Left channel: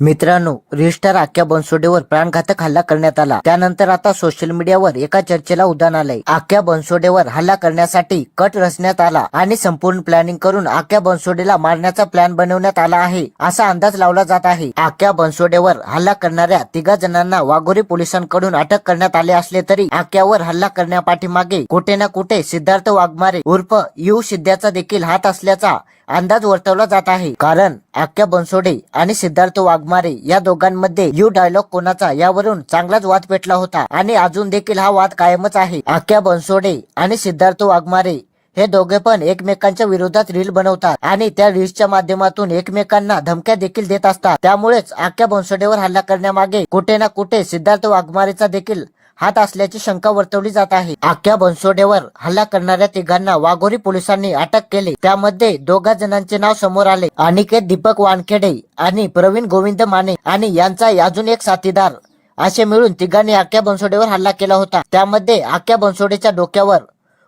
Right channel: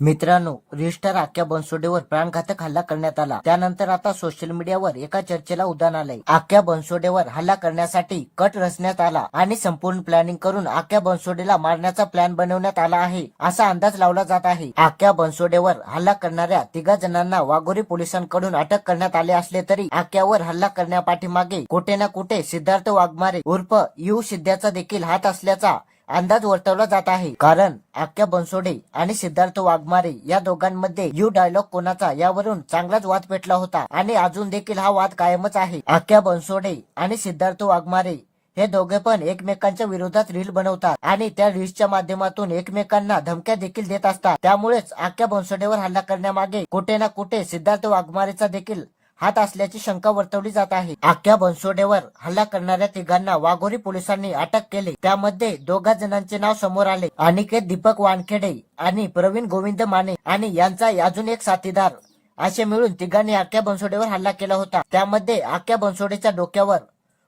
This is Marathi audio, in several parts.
मित्रांनो रजिस्टर आख्या बनसोडेवर प्राणघातक हल्ला करण्यात आला. त्यानंतर आता सोशल मीडियावर एका चर्चेला उदाहरण आलंय. आख्या बनसोडेवर हल्ला करण्यासाठी कट रचण्यात आला आणि संपूर्ण प्लॅनिंग करून आख्या बनसोडेला मारण्याचा प्लॅन बनवण्यात आला आहे असा अंदाज लावला जात आहे. आख्या बनसोडेवर हल्ला करणाऱ्या तिघा जणांना वाघोरी पोलिसांकडून अटक करण्यात आले असले तरी आक्यावर हल्ला करण्यापाठीमागे कुठे ना कुठे सिद्धार्थ वाघमारे उर्फ यू सिद्ध्याचा देखील हात असल्याचा अंदाज वर्तवला जात आहे. कारण आक्या बनसोडे आणि सिद्धार्थ वाघमारे या दोघांमध्ये यू डायलॉग कोणाचा यावरून चांगलाच वाद पेटला होता. आणि अजून देखील हा वाद कायमच आहे. आक्या बनसोडे आणि सिद्धार्थ वाघमारे हे दोघे पण एकमेकांच्या विरोधात रील बनवतात. आणि त्या रील्सच्या माध्यमातून एकमेकांना धमक्या देखील देत असतात. त्यामुळेच आख्या बनसोडेवर हल्ला करण्यामागे कुठे ना कुठे सिद्धार्थ वाघमारेचा देखील हात असल्याची शंका वर्तवली जात आहे. आख्या बनसोडेवर हल्ला करणाऱ्या तिघांना वाघोरी पोलिसांनी अटक केली. त्यामध्ये दोघा जणांचे नाव समोर आले. अनिकेत दीपक वानखेडे आणि प्रवीण गोविंद माने आणि यांचा अजून एक साथीदार. असे मिळून तिघांनी आख्या बनसोडेवर हल्ला केला होता. त्यामध्ये आख्या बनसोडेच्या डोक्यावर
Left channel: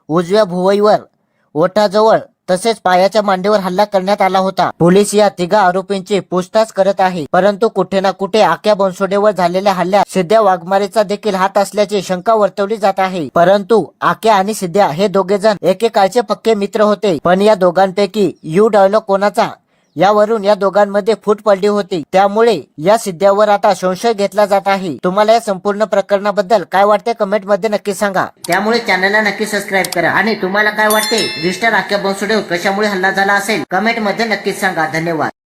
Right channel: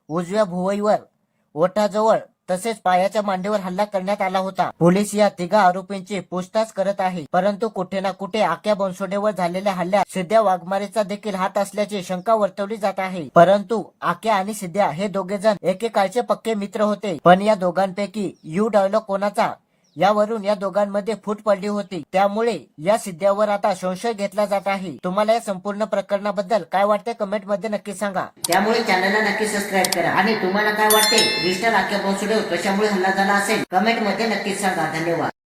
उजव्या भुवईवर ओठाजवळ तसेच पायाच्या मांडीवर हल्ला करण्यात आला होता. पोलीस या तिघा आरोपींची पूछताछ करत आहे. परंतु कुठे ना कुठे आक्या बनसोडेवर झालेल्या हल्ल्यात सिद्ध्या वाघमारेचा देखील हात असल्याची शंका वर्तवली जात आहे. परंतु आक्या आणि सिद्ध्या हे दोघे जण एकेकाळचे पक्के मित्र होते. पण या दोघांपैकी यू डायलॉग कोणाचा? यावरून या दोघांमध्ये फूट पडली होती. त्यामुळे या सिद्ध्यावर आता संशय घेतला जात आहे. तुम्हाला या संपूर्ण प्रकरणाबद्दल काय वाटते कमेंटमध्ये नक्की सांगा. त्यामुळे चॅनलला नक्की सबस्क्राईब करा. आणि तुम्हाला काय वाटते? रिस्टर आख्या बनसोडेवर कशामुळे हल्ला झाला असेल? कमेंटमध्ये नक्कीच सांगा. धन्यवाद.